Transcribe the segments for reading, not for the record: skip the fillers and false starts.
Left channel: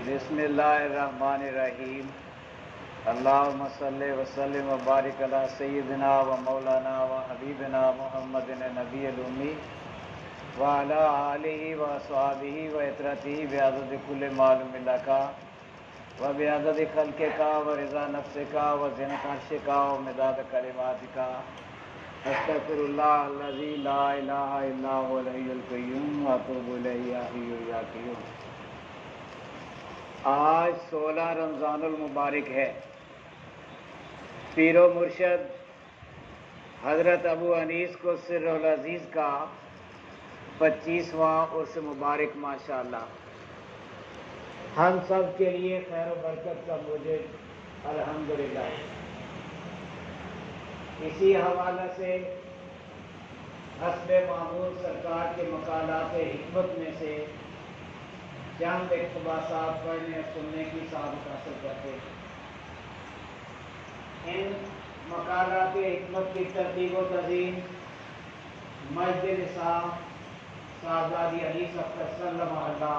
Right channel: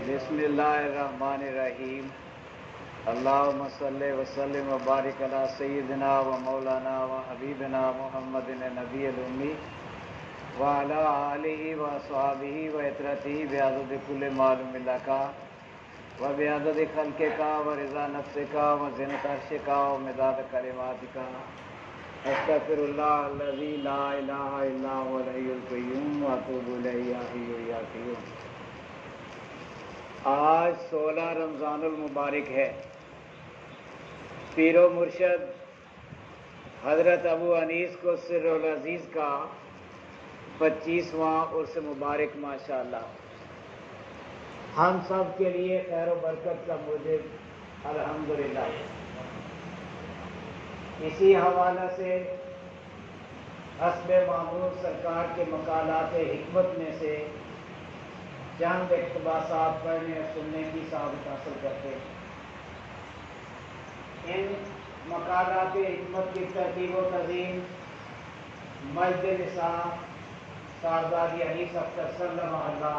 بسم اللہ الرحمن الرحیم اللہم صلی وسلم وبارک علی سیدنا و مولانا و حبیبنا محمد نبی الامی وعلی آلہ و اصحابہ و اطرتہ بعدد کل معلوم لک و بعدد خلقک و رضا نفسک و زنۃ عرشک و مداد کلماتک استغفر اللہ الذی لا الہ الا هو الحی القیوم واتوب الیہ یا حی یا قیوم۔ آج 16 رمضان المبارک ہے۔ پیر و مرشد حضرت ابو انیس کو سر العزیز کا 25واں عرس مبارک ماشاءاللہ۔ ہم سب کے لیے خیر و برکت کا موجب الحمدللہ۔ اسی حوالے سے حسب معمول سرکار کے مقالات حکمت میں سے چند اقتباسات پڑھنے اور سننے کی سعادت حاصل کرتے ہیں۔ ان مقالات حکمت کی ترتیب و تنظیم مسجد نصاب صاحبزادی انیس اختر صلی محلہ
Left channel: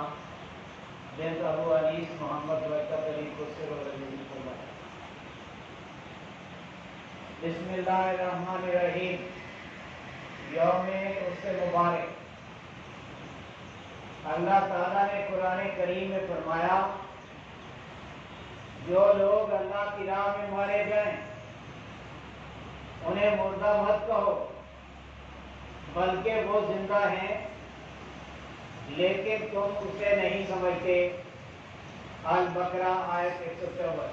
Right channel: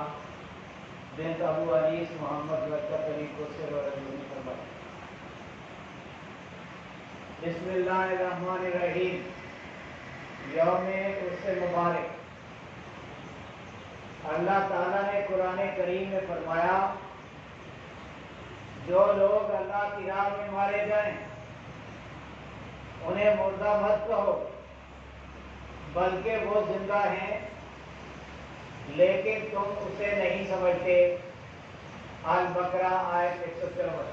بنت ابو انیس محمد برکت علی کو سر العزیز نے فرمایا۔ بسم اللہ الرحمن الرحیم۔ یوم عرس مبارک۔ اللہ تعالیٰ نے قرآن کریم میں فرمایا جو لوگ اللہ کی راہ میں مارے جائیں انہیں مردہ مت کہو بلکہ وہ زندہ ہیں لیکن تم اسے نہیں سمجھتے۔ البقرہ آیت 153۔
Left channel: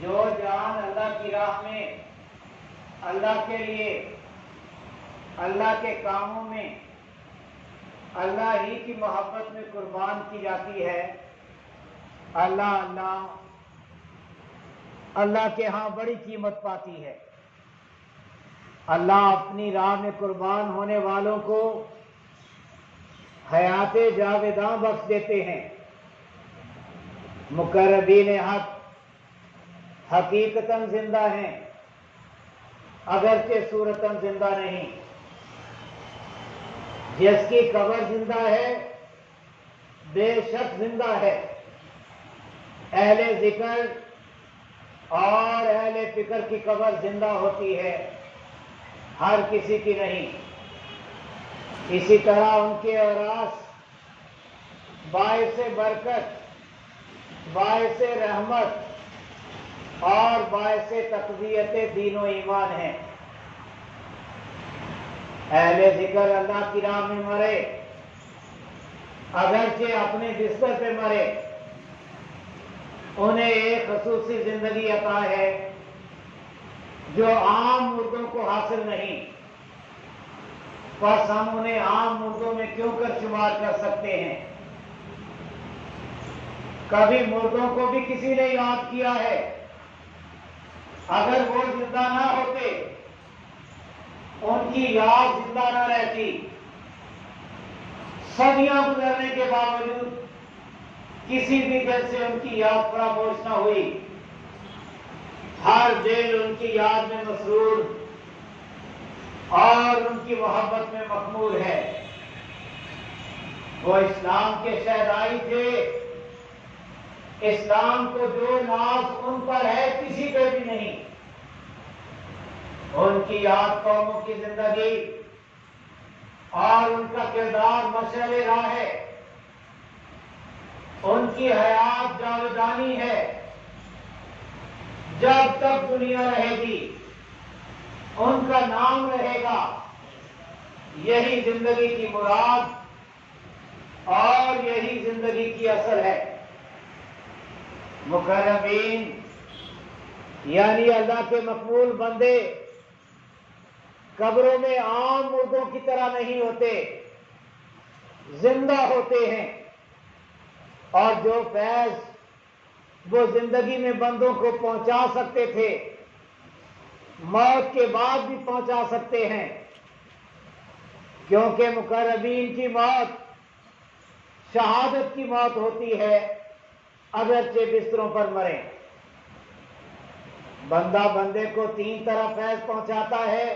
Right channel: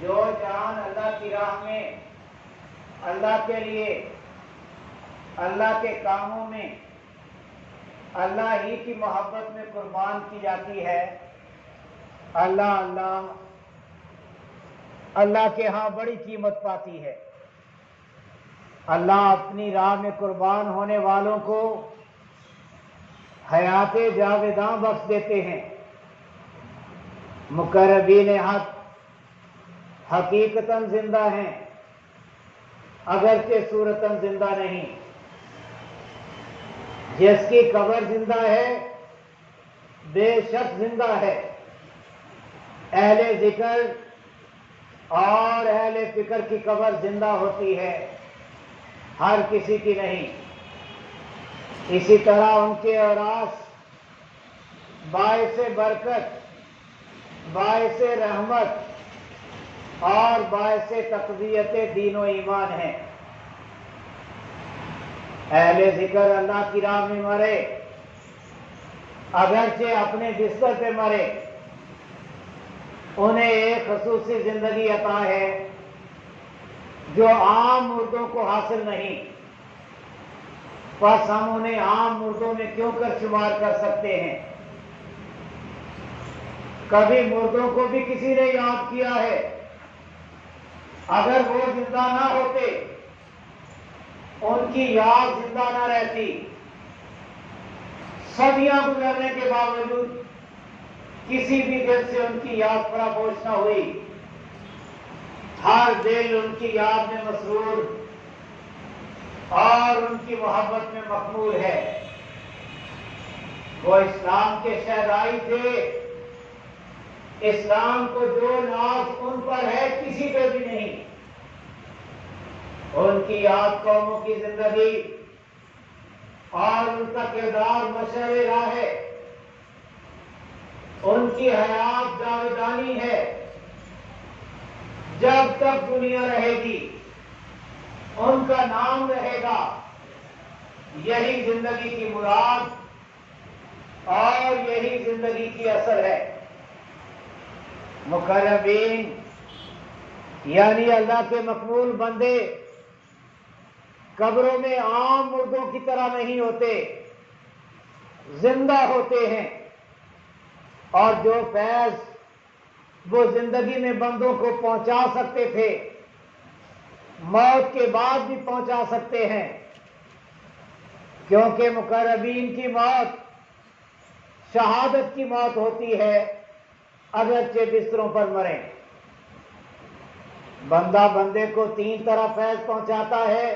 جو جان اللہ کی راہ میں اللہ کے لیے اللہ کے کاموں میں اللہ ہی کی محبت میں قربان کی جاتی ہے اللہ کے ہاں بڑی قیمت پاتی ہے۔ اللہ اپنی راہ میں قربان ہونے والوں کو حیات جاوداں بخش دیتے ہیں۔ مقربین حق حقیقتاً زندہ ہیں اگرچہ صورتاً زندہ نہیں۔ جس کی قبر زندہ ہے بے شک زندہ ہے۔ اہل ذکر اور اہل فکر کی قبر زندہ ہوتی ہے، ہر کسی کی نہیں۔ اسی طرح ان کے اوراث باعث برکت، باعث رحمت اور باعث تقویت دین و ایمان ہیں۔ اہل ذکر اللہ کی راہ میں مرے اگرچہ اپنے بستر پہ مرے انہیں ایک خصوصی زندگی عطا ہے جو عام مردوں کو حاصل نہیں۔ بس ہم انہیں عام مردوں میں کیوں کر شمار کر سکتے ہیں؟ کبھی مردوں کو بھی کسی نے یاد کیا ہے؟ اگر وہ زندہ نہ ہوتے ان کی یاد زندہ نہ رہتی، صدیاں گزرنے کے باوجود کسی بھی دل سے ان کی یاد فراموش نہ ہوئی، ہر دل ان کی یاد میں مسرور اور ان کی محبت میں مخمور ہے۔ وہ اسلام کے شہدائی تھے، اسلام کو جو ناز ان پر ہے کسی پہ بھی نہیں۔ ان کی یاد قوموں کی زندگی اور ان کا کردار مشعل راہ ہے۔ ان کی حیات جاودانی ہے، جب تک دنیا رہے گی ان کا نام رہے گا۔ یہی زندگی کی مراد اور یہی زندگی کی اصل ہے۔ مقربین یعنی اللہ کے مقبول بندے قبروں میں عام مردوں کی طرح نہیں ہوتے، زندہ ہوتے ہیں، اور جو فیض وہ زندگی میں بندوں کو پہنچا سکتے تھے موت کے بعد بھی پہنچا سکتے ہیں، کیونکہ مقربین کی موت شہادت کی موت ہوتی ہے اگرچہ بستروں پر مریں۔ بندہ بندے کو 3 طرح فیض پہنچاتا ہے:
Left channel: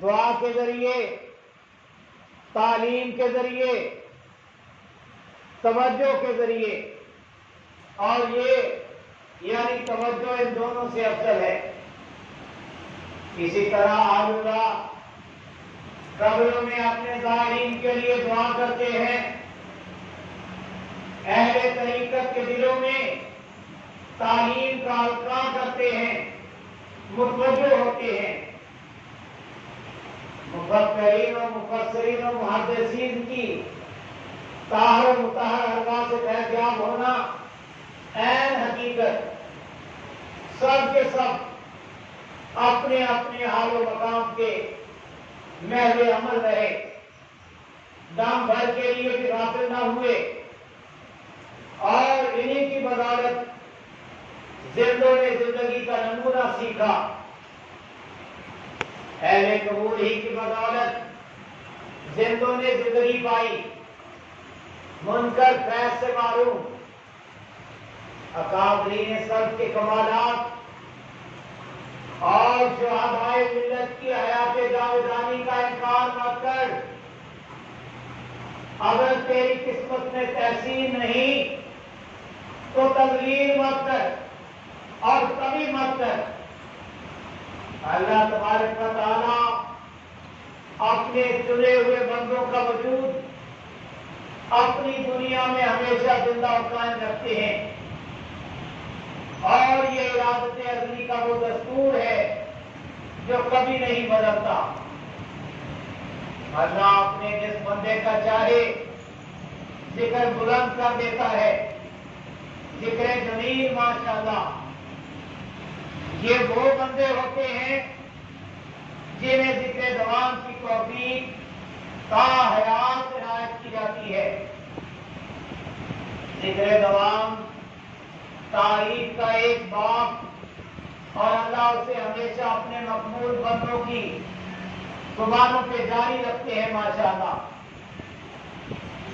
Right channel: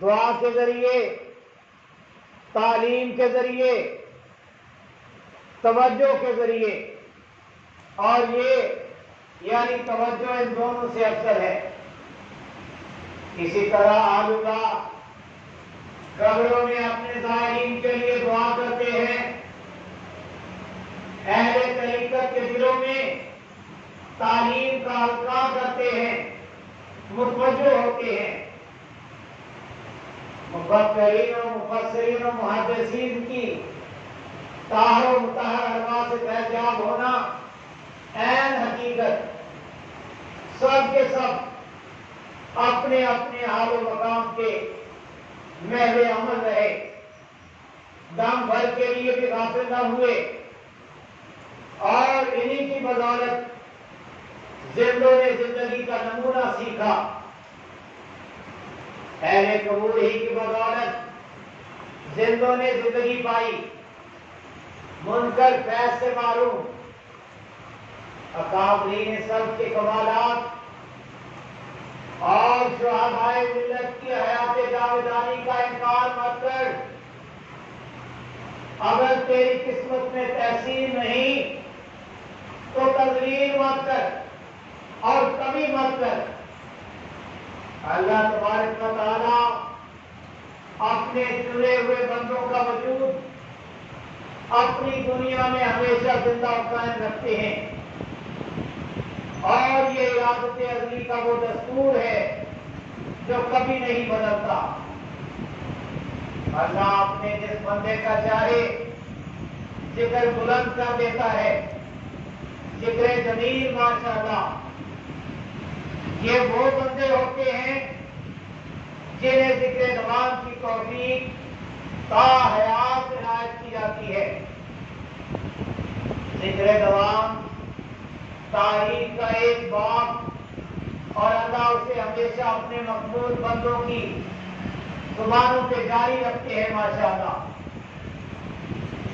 دعا کے ذریعے، تعلیم کے ذریعے توجہ کے ذریعے، اور یہ یعنی توجہ ان دونوں سے افضل ہے۔ اسی طرح اہل اللہ قبروں میں اپنے زائرین کے لیے دعا کرتے ہیں، اہل طریقت کے دلوں میں تعلیم کا القاء کرتے ہیں، متوجہ ہوتے ہیں۔ مفکرین و مفسرین و محدثین کی طاہر و مطہر ارواح سے فیضیاب ہونا عین حقیقت۔ سب کے سب اپنے اپنے حال و مقام کے محل عمل رہے، دم بھر کے لیے بھی غافل نہ ہوئے، اور انہی کی بدولت زندوں نے زندگی کا نمونہ سیکھا۔ اہل قبور ہی کی بدولت زندوں نے زندگی پائی، منکر فیض سے معروم۔ اکابرین سب کے کمالات اور شہدائے ملت کی حیات جاویدانی کا انکار مت کر۔ اگر تیری قسمت میں تحسین نہیں تو تذلیل مت کر اور کبھی مت کر۔ اللہ تبارک و تعالیٰ اپنے چنے ہوئے بندوں کا وجود اپنی دنیا میں ہمیشہ زندہ و قائم رکھتے ہیں، اور یہ ارادت ازلی کا وہ دستور ہے جو کبھی نہیں بدلتا۔ اللہ اپنے جس بندے کا چاہے ذکر بلند کر دیتا ہے، ذکر جمیل ماشاءاللہ۔ یہ وہ بندے ہوتے ہیں جنہیں ذکر دوام کی توفیق تا حیات عنایت کی جاتی ہے۔ ذکر دوام تاریخ کا ایک باب، اور اللہ اسے ہمیشہ اپنے مقبول بندوں کی زبانوں پہ جاری رکھتے ہیں ماشاءاللہ۔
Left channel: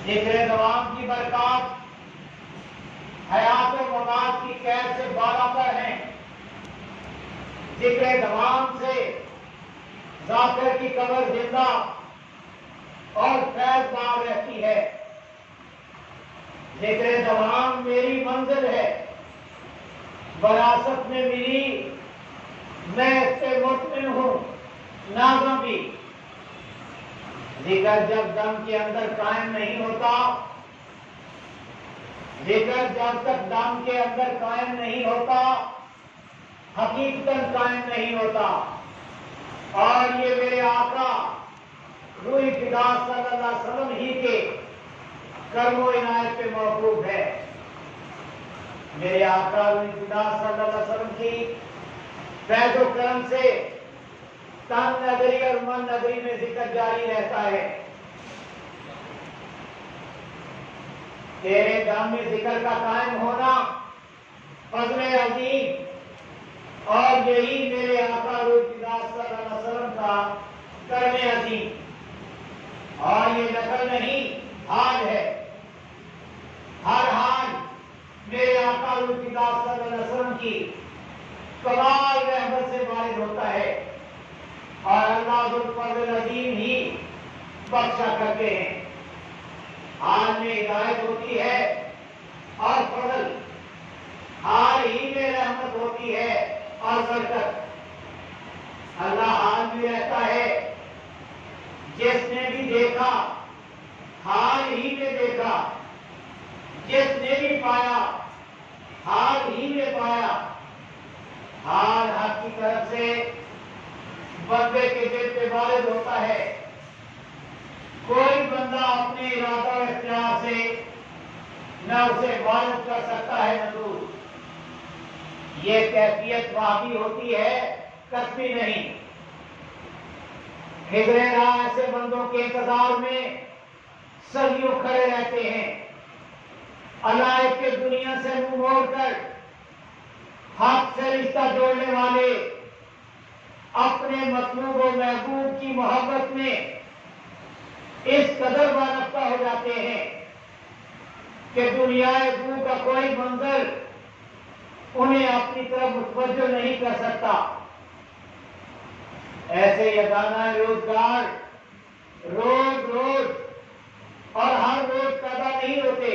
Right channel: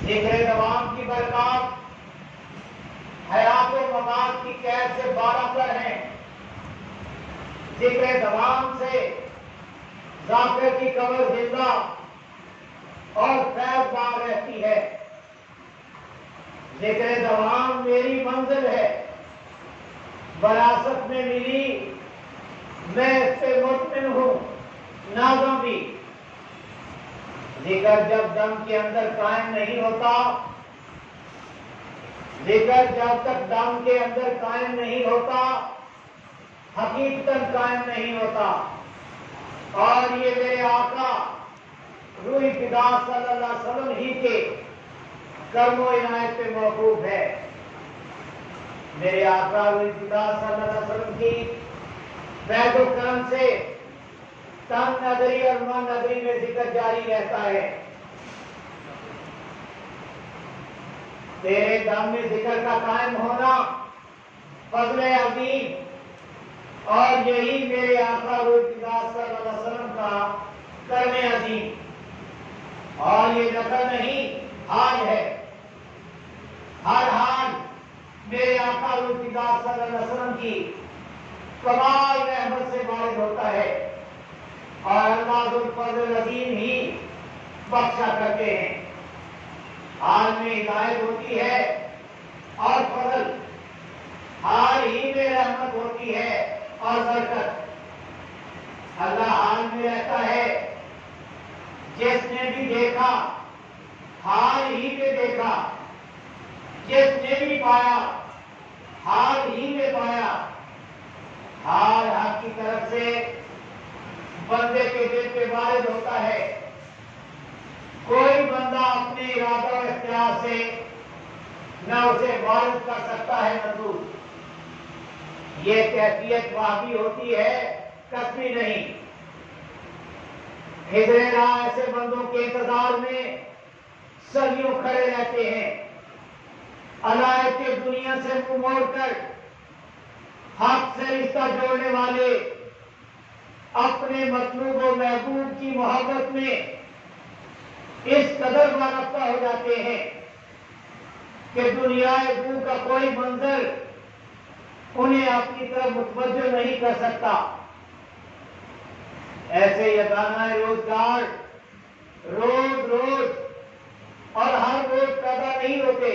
ذکر دوام کی برکات حیات و ممات کی قید سے بالا پر ہیں۔ ذکر دوام سے ذاکر کی قبر زندہ اور فیض دار رہتی ہے۔ ذکر دوام میری منزل ہے، وراثت میں ملی، میں اس پہ مطمئن ہوں، نازاں بھی۔ ذکر جب دم کے اندر قائم نہیں ہوتا، ذکر جب تک دم کے اندر قائم نہیں ہوتا، حقیقتاً قائم نہیں ہوتا۔ اور یہ میرے آقا روح فدا صلی اللہ علیہ وسلم ہی کے کرم و عنایت پہ موقوف ہے۔ میرے آقا روح فدا صلی اللہ علیہ وسلم کی فیض و کرم سے تن نظری اور من نظری میں ذکر جاری رہتا ہے۔ تیرے دم میں ذکر کا قائم ہونا فضل عظیم، اور یہی میرے آقا روح فدا صلی اللہ علیہ وسلم کا کرم عظیم، اور یہ نقل نہیں حال ہے۔ ہر حال میرے آقا روح فدا صلی اللہ علیہ وسلم کی کمال رحمت سے وارد ہوتا ہے، اور اللہ ذو الفضل العظیم ہی بخشا کرتے ہیں۔ حال میں ہدایت ہوتی ہے اور فضل، حال ہی میں رحمت ہوتی ہے اور برکت۔ اللہ حال میں رہتا ہے، جس نے بھی دیکھا حال ہی میں دیکھا، جس نے بھی پایا حال ہی میں پایا۔ حال حق کی طرف سے بندے کے دل پہ وارد ہوتا ہے، کوئی بندہ اپنے ارادہ و اختیار سے نہ اسے وارد کر سکتا ہے نہ دور۔ یہ کیفیت وحدی ہوتی ہے، کسبی نہیں۔ ہجرے راہ ایسے بندوں کے انتظار میں صدیوں کھڑے رہتے ہیں، اللہ کے دنیا سے منہ موڑ کر حق سے رشتہ جوڑنے والے اپنے مطلوب و محبوب کی محبت میں اس قدر وابستہ ہو جاتے ہیں کہ دنیا دو کا کوئی منظر انہیں اپنی طرف متوجہ نہیں کر سکتا۔ ایسے یگانہ روزگار روز روز اور ہر روز پیدا نہیں ہوتے،